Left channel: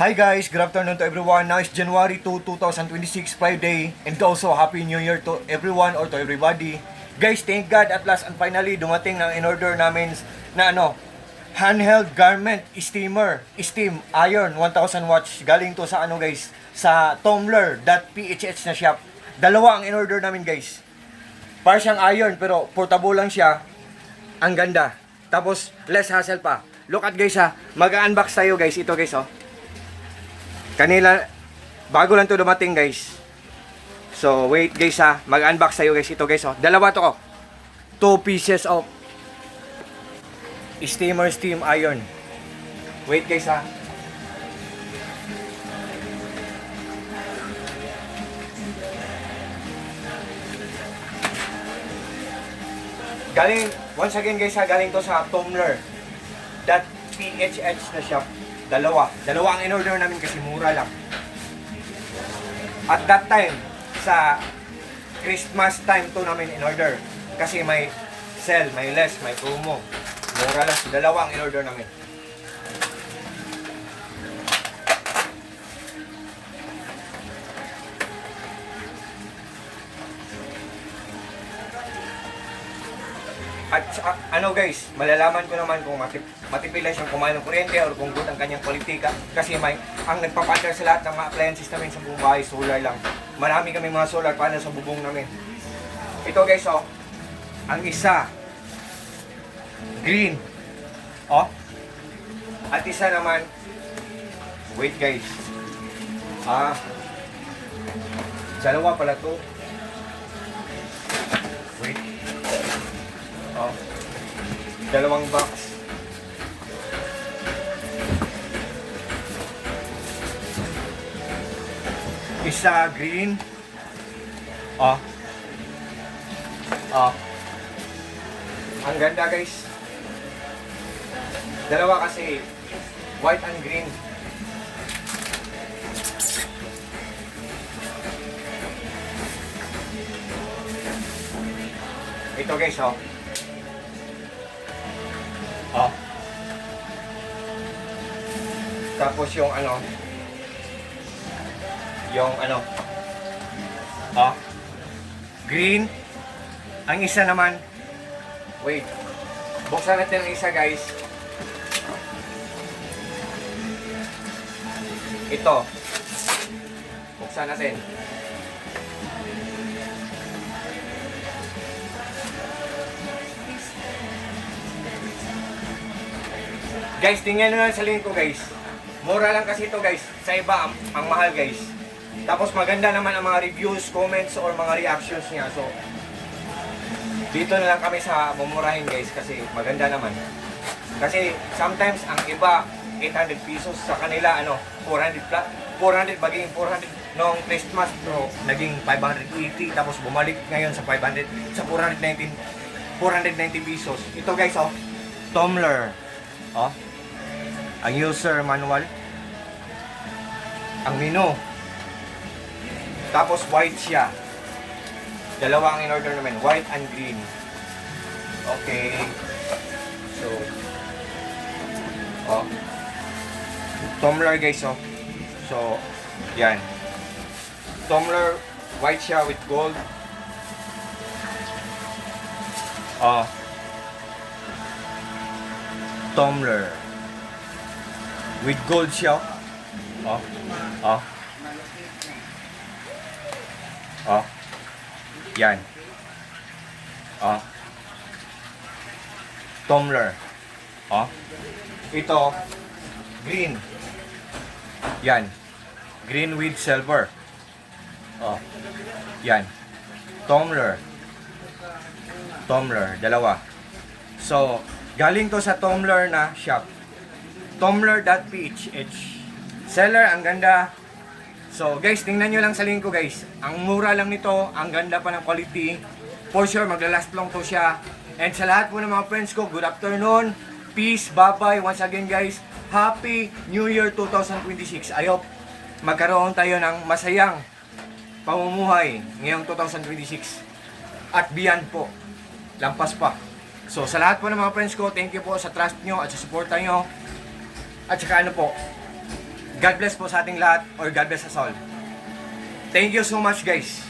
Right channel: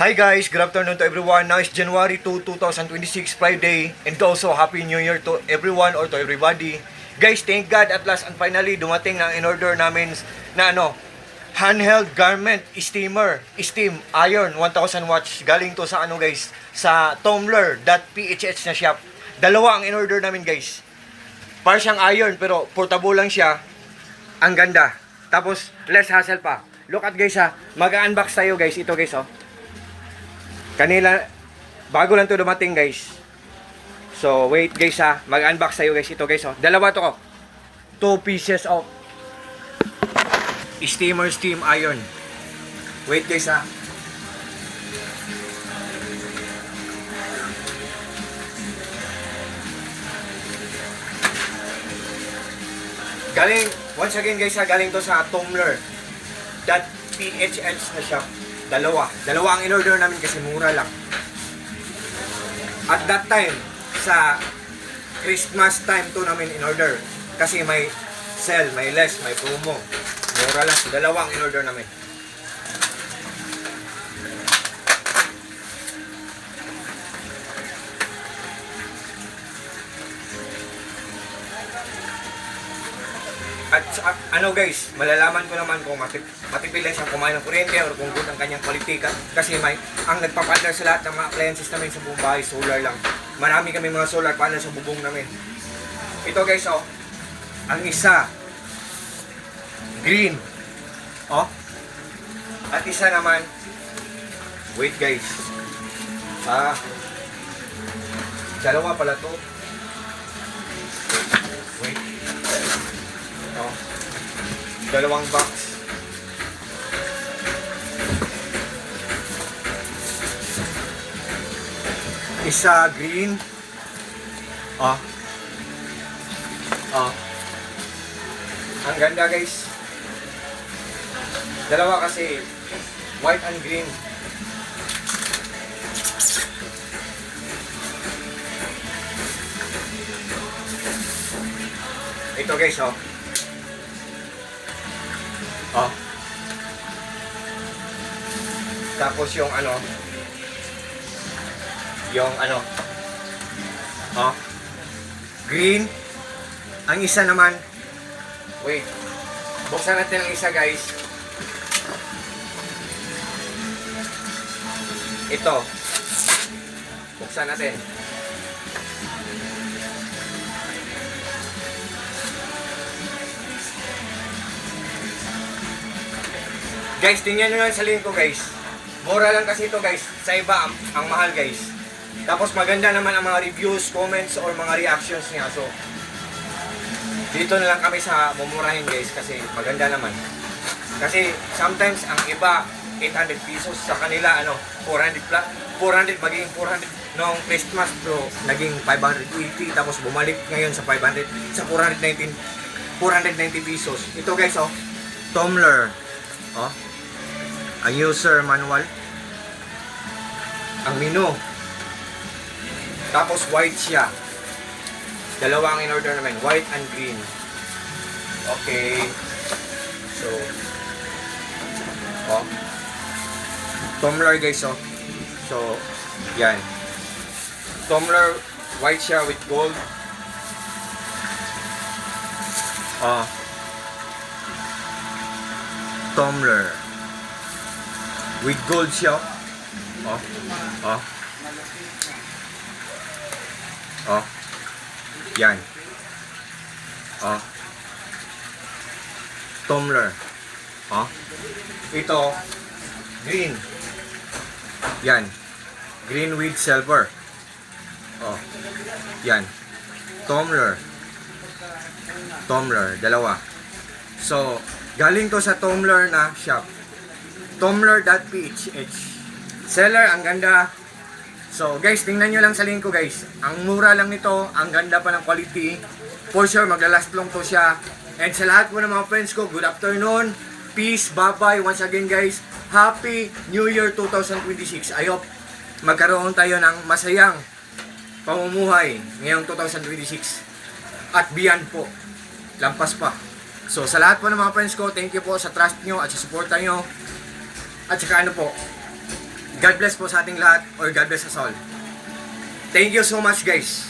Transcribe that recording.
Hi guys, good afternoon to everyone. Now is January 2, 2026, Friday, and also Happy New Year to everyone or to everybody. Guys, thank God at last and finally dumating ng in-order namin na handheld garment steamer, steam iron 1000 watts. Galing to sa guys, sa Tumblr.ph na shop. Dalawa ang in-order namin guys. Para siyang iron pero portable lang siya. Ang ganda. Tapos less hassle pa. Look at guys mag-unbox tayo guys. Ito guys Kanila, bago lang to dumating guys. So, wait guys mag-unbox tayo guys. Ito guys dalawa to 2 pieces of steamer steam iron. Wait guys Galing, once again guys galing to sa Tumblr.ph na shop. Dalawa ang in-order namin kasi mura lang. At that time, sa Christmas time to namin in-order. Kasi may sale, may less, may promo. Mura lang. Dalawa ang in-order namin. At guys, malalaman ko naman kung matipid siyang kumain ng kuryente o kung good ang kanyang politika. Kasi ang nagpapartner sa lahat ng mga appliances namin sa buong bahay, solar lang. Marami kami mga solar panel sa bubong namin. Ito guys ang isa, green. At isa naman, wait guys. Dalawa pala to. Dalawang box. Isa green. Ang ganda guys. Dalawa kasi white and green. Ito guys tapos yung green. Ang isa naman, wait, buksan natin ang isa guys. Ito, buksan natin. Guys, tingnan nyo lang sa link ko guys. Mura lang kasi ito guys. Sa iba, ang mahal guys. Tapos maganda naman ang mga reviews, comments, or mga reactions niya. So, dito na lang kami sa mumurahin guys kasi maganda naman. Kasi sometimes ang iba 800 pesos sa kanila 400 maging 400 noong Christmas Pro naging 580 tapos bumalik ngayon sa 500 sa 490 pesos. Ito guys Tumblr. Ang user manual, ang menu, tapos white siya. Dalawa ang in-order namin, white and green. Okay. So, Tumblr guys So, yan. Tumblr, white siya with gold. Tumblr with gold siya. Yan. Tumblr. Ito green. Yan. Green with silver. Yan. Tumblr. Dalawa. So, galing to sa Tumblr na shop. Tumblr.ph. Seller, ang ganda. So guys, tingnan nyo lang sa link ko guys. Ang mura lang nito, ang ganda pa ng quality. For sure, maglalast long to siya. And sa lahat po ng mga friends ko, good afternoon. Peace, bye-bye. Once again guys, Happy New Year 2026. I hope magkaroon tayo ng masayang pamumuhay ngayong 2026. At beyond po. Lampas pa. So sa lahat po ng mga friends ko, thank you po sa trust nyo at sa suporta nyo. At saka God bless po sa ating lahat or God bless us all. Thank you so much guys.